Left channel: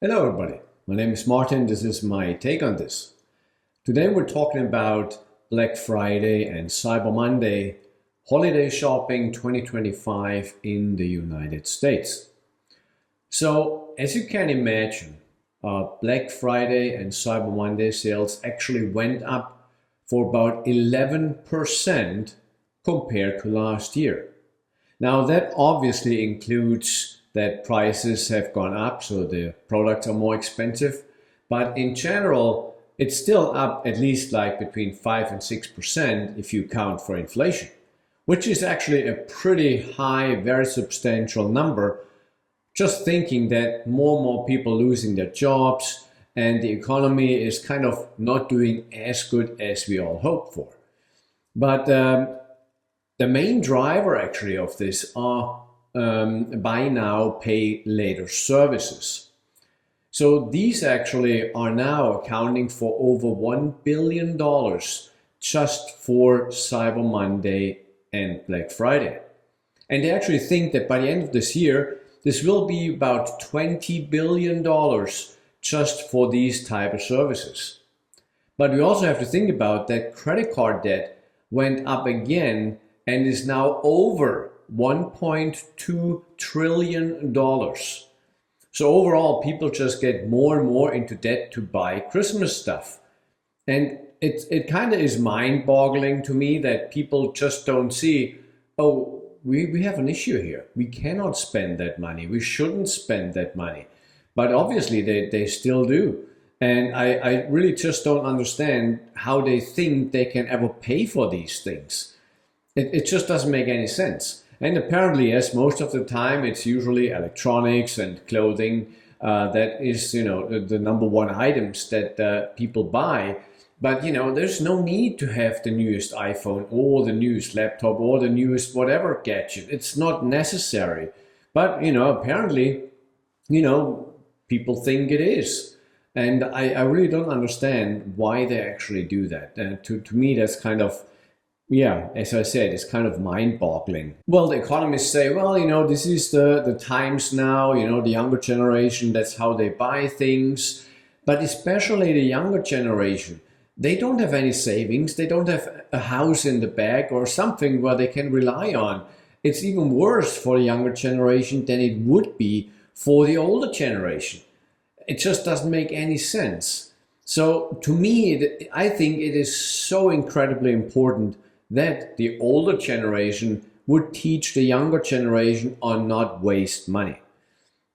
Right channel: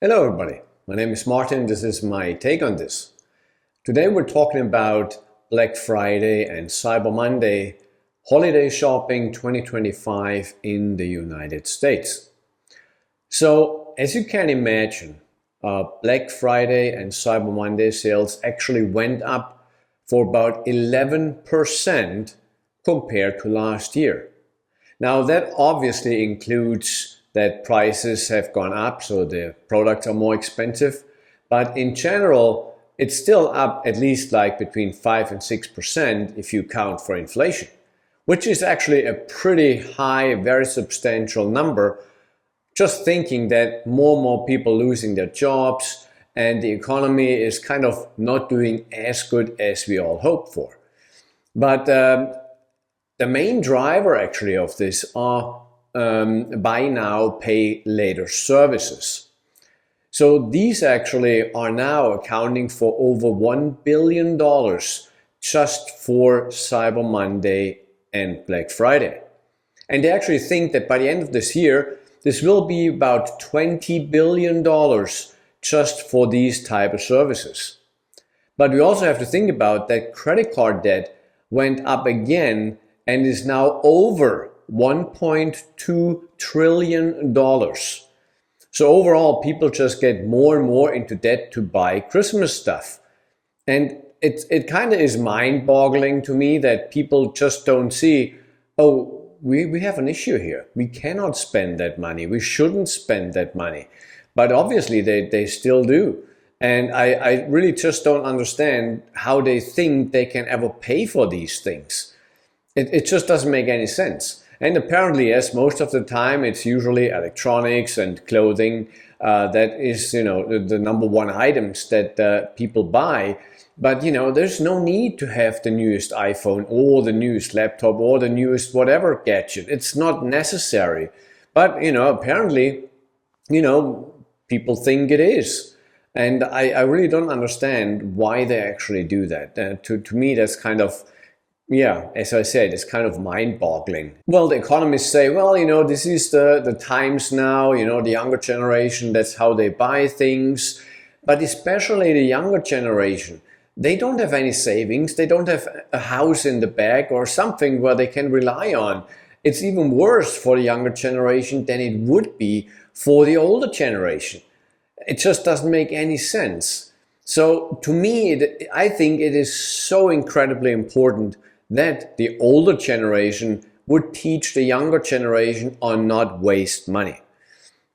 Hello everybody, my name is Martin. This is my take on this. Today we're talking about Black Friday and Cyber Monday holiday shopping 2025 in the United States. So as you can imagine, Black Friday and Cyber Monday sales actually went up for about 11% compared to last year. Now that obviously includes that prices have gone up, so the products are more expensive. But in general, it's still up at least like between 5 and 6% if you count for inflation, which is actually a pretty high, very substantial number. Just thinking that more and more people losing their jobs and the economy is kind of not doing as good as we all hope for. But the main driver actually of this are buy now, pay later services. So these actually are now accounting for over $1 billion just for Cyber Monday and Black Friday. And they actually think that by the end of this year, this will be about $20 billion just for these type of services. But we also have to think about that credit card debt went up again and is now over $1.2 trillion. So overall, people just get more and more into debt to buy Christmas stuff. And it kind of is mind-boggling to me that people just don't see, oh, we have an issue here. We cannot spend that money. We shouldn't spend that money. But obviously they still do. And I really just don't understand how they think they can ever pay for these things. It just doesn't make any sense. And apparently, yes, most of the time it's usually electronics and clothing that is, the number one items that people buy. But, there's no need to have the newest iPhone or the newest laptop or the newest whatever gadget. It's not necessary. But, apparently, people think it is. And I really don't understand why they actually do that. To me, that's kind of, as I said, it's kind of mind-boggling. Well, the economists say, well, this is the times now, the younger generation, that's how they buy things. But especially the younger generation, they don't have any savings. They don't have a house in the back or something where they can rely on. It's even worse for the younger generation than it would be for the older generation. It just doesn't make any sense. So to me, I think it is so incredibly important that the older generation would teach the younger generation on not waste money.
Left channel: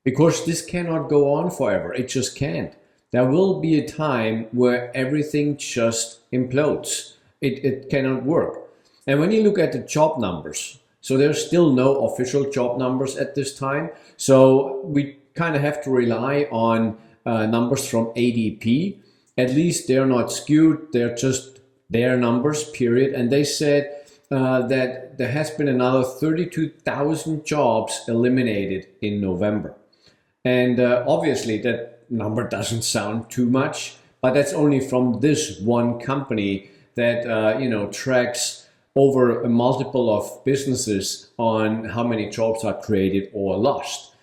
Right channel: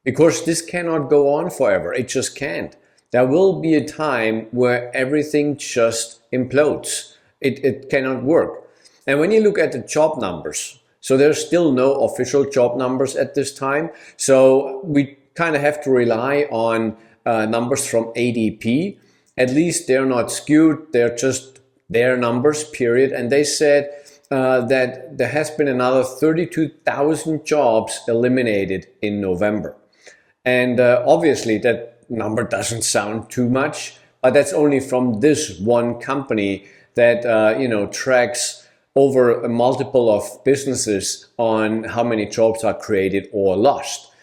Because this cannot go on forever. It just can't. There will be a time where everything just implodes. It cannot work. And when you look at the job numbers, so there's still no official job numbers at this time. So we kind of have to rely on numbers from ADP. At least they're not skewed. They're just their numbers, period. And they said that there has been another 32,000 jobs eliminated in November. And obviously that number doesn't sound too much, but that's only from this one company that tracks over a multiple of businesses on how many jobs are created or lost.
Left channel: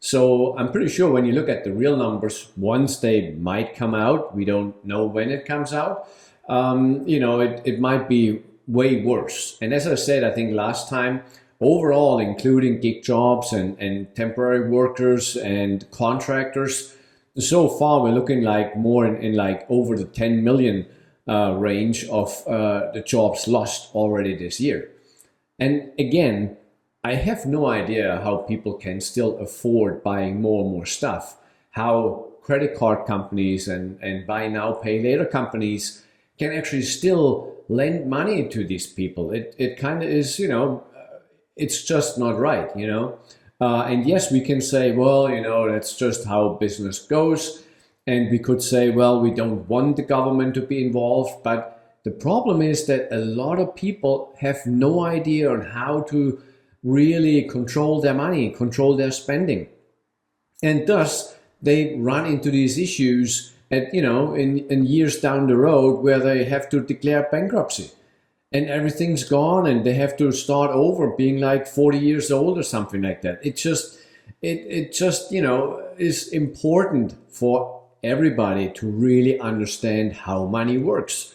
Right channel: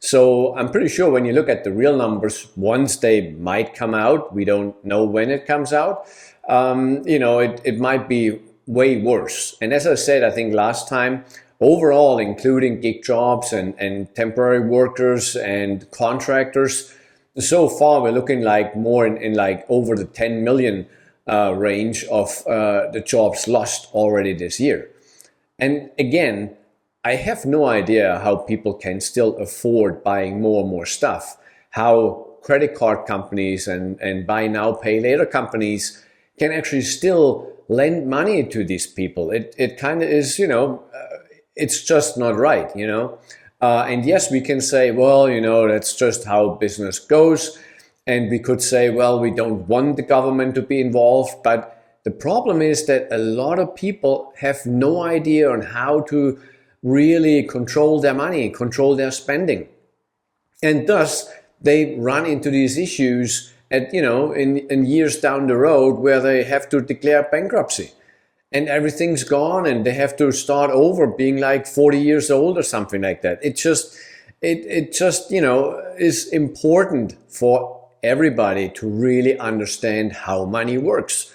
So I'm pretty sure when you look at the real numbers, once they might come out, we don't know when it comes out, it might be way worse. And as I said, I think last time, overall, including gig jobs and temporary workers and contractors, so far we're looking like more in like over the 10 million range of the jobs lost already this year. And again, I have no idea how people can still afford buying more and more stuff, how credit card companies and buy now, pay later companies can actually still lend money to these people. It kind of is, it's just not right, And yes, we can say, well, that's just how business goes. And we could say, well, we don't want the government to be involved. But the problem is that a lot of people have no idea on how to really control their money, control their spending. And thus, they run into these issues at, in years down the road where they have to declare bankruptcy. And everything's gone and they have to start over being like 40 years old or something like that. It just, It just, is important for everybody to really understand how money works.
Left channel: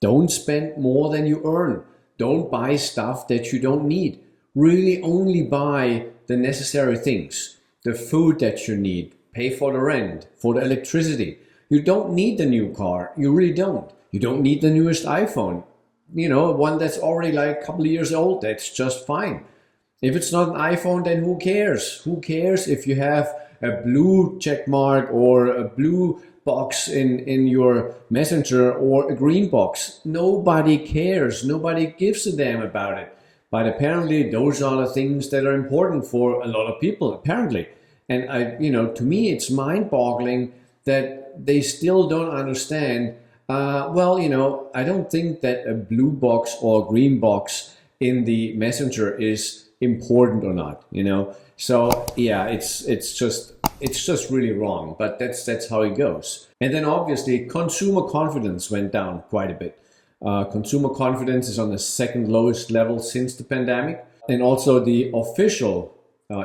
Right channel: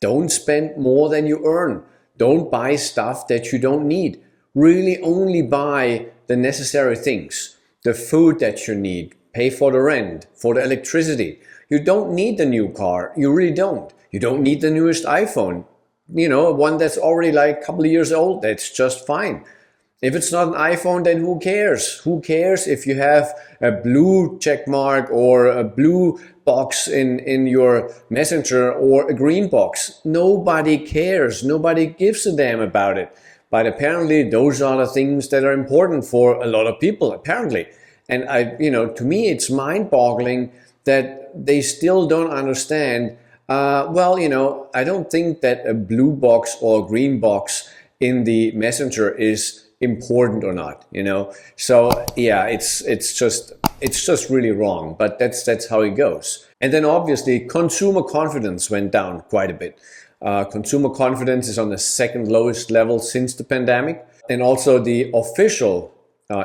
Don't spend more than you earn. Don't buy stuff that you don't need. Really only buy the necessary things, the food that you need, pay for the rent, for the electricity. You don't need the new car. You really don't. You don't need the newest iPhone. One that's already like a couple of years old. That's just fine. If it's not an iPhone, then who cares? Who cares if you have a blue check mark or a blue box in your messenger or a green box? Nobody cares. Nobody gives a damn about it. But apparently those are the things that are important for a lot of people, apparently. And to me, it's mind-boggling that they still don't understand. I don't think that a blue box or a green box in the messenger is important or not, so yeah, it's just really wrong, but that's how it goes. And then obviously consumer confidence went down quite a bit. Consumer confidence is on the second lowest level since the pandemic, and also the official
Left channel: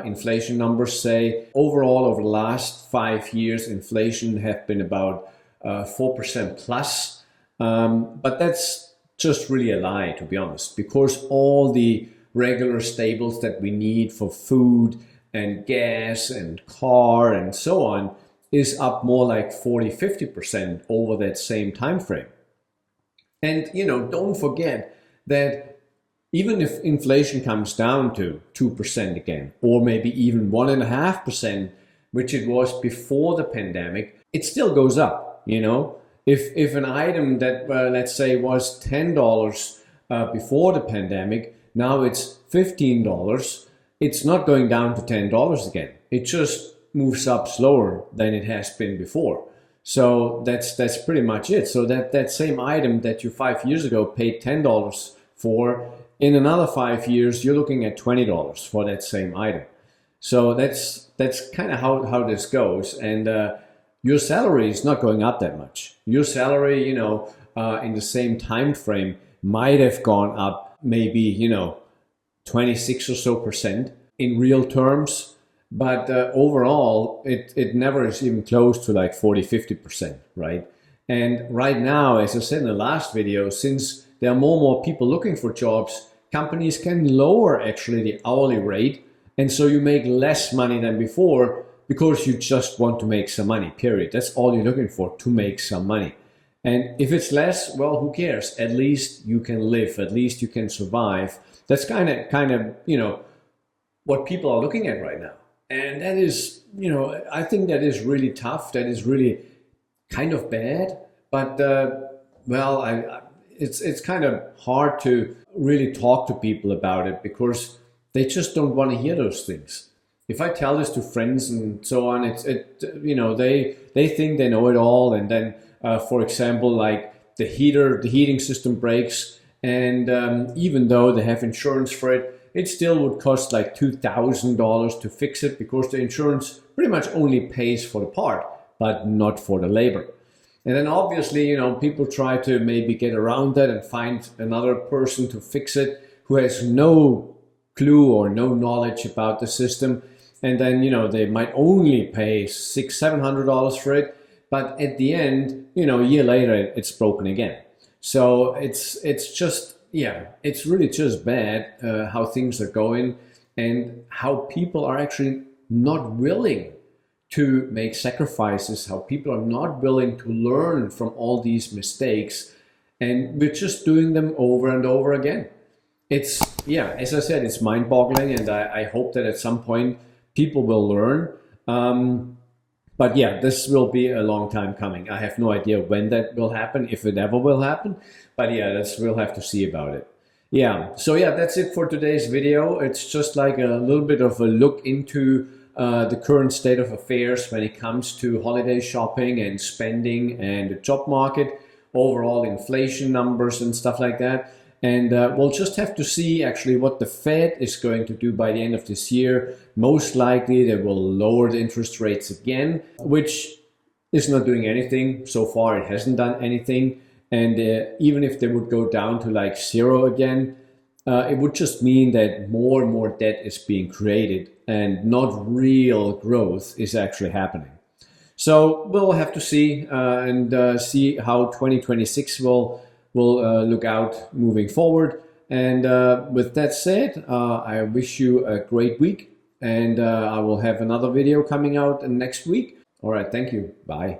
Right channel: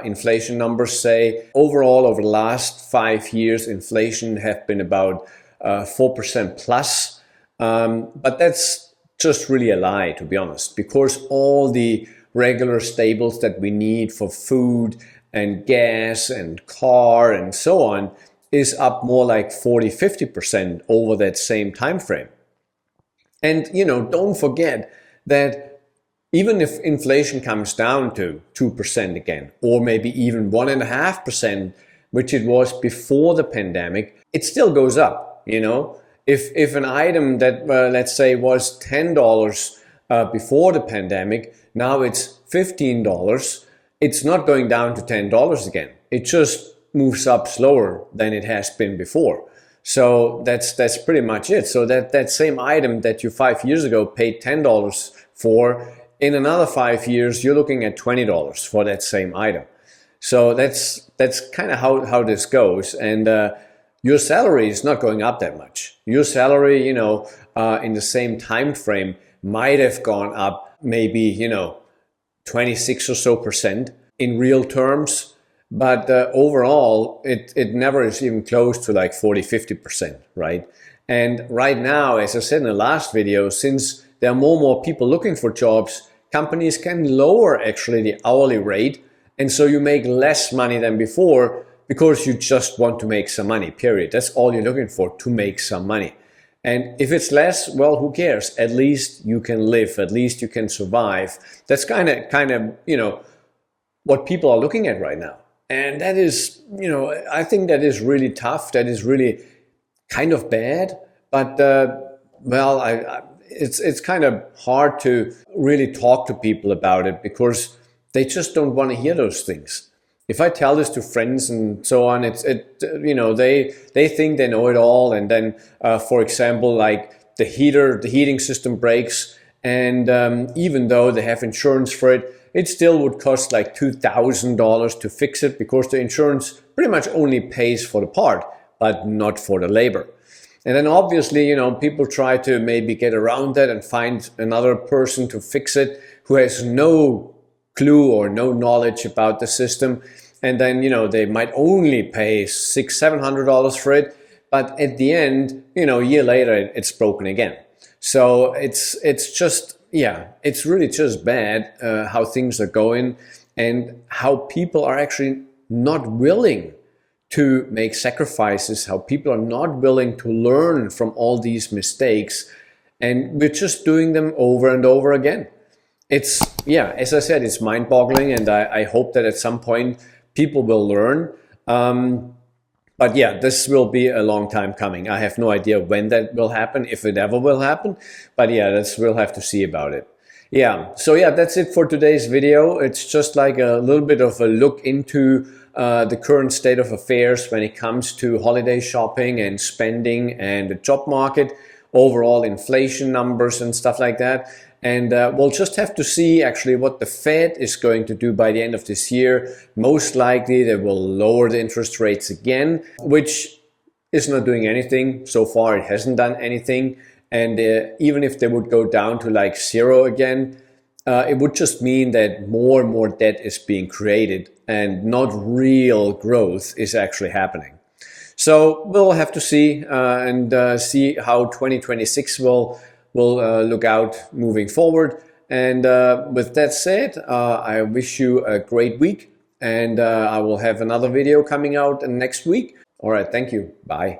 inflation numbers say overall over the last 5 years inflation have been about 4% plus, but that's just really a lie, to be honest, because all the regular staples that we need for food and gas and car and so on is up more like 40-50% over that same time frame. And don't forget that even if inflation comes down to 2% again, or maybe even 1.5%, which it was before the pandemic, it still goes up. If an item that let's say was $10 before the pandemic, now it's $15, it's not going down to $10 again. It just moves up slower than it has been before. So that's pretty much it. So that same item that you 5 years ago paid $10 for, in another 5 years you're looking at $20 for that same item. So that's kind of how this goes. And your salary is not going up that much. Your salary, in the same time frame might have gone up maybe 26 or so percent in real terms, but overall it never is even close to like 40-50%, right? And right now, as I said in the last video, since there are more and more people looking for jobs, companies can lower actually the hourly rate, and so you make less money than before because you just want to make some money, period. That's all you're looking for, to make some money. And if it's less, well, who cares? At least you can live, at least you can survive. That's kind of, what people are looking at right now. And that is, I think that is really tough. That is really kind of bad. But, it's kind of hard to really talk to people about it because they just don't want to hear those things. If I tell this to friends and so on, they think they know it all, and then, for example, like the heating system breaks, and even though they have insurance for it, it still would cost like $2,000 to fix it because the insurance pretty much only pays for the part, but not for the labor. And then obviously, people try to maybe get around that and find another person to fix it who has no clue or no knowledge about the system, and then they might only pay $600-700 for it, but at the end, a year later it's broken again. So it's just, yeah, it's really just bad how things are going and how people are actually not willing to make sacrifices, how people are not willing to learn from all these mistakes, and we're just doing them over and over again. It's, yeah, as I said, it's mind-boggling, and I hope that at some point people will learn. But yeah, this will be a long time coming. I have no idea when that will happen, if it ever will happen. But yeah, we'll have to see about it. Yeah, so yeah, that's it for today's video. It's just like a little bit of a look into the current state of affairs when it comes to holiday shopping and spending and the job market, overall inflation numbers and stuff like that. And we'll just have to see actually what the Fed is going to do by the end of this year. Most likely they will lower the interest rates again, which is not doing anything. So far it hasn't done anything. And even if they would go down to like 0 again, it would just mean that more and more debt is being created and not real growth is actually happening. So we'll have to see and see how 2026 will look out moving forward. And with that said, I wish you a great week, and I will have another video coming out next week. All right, thank you. Bye.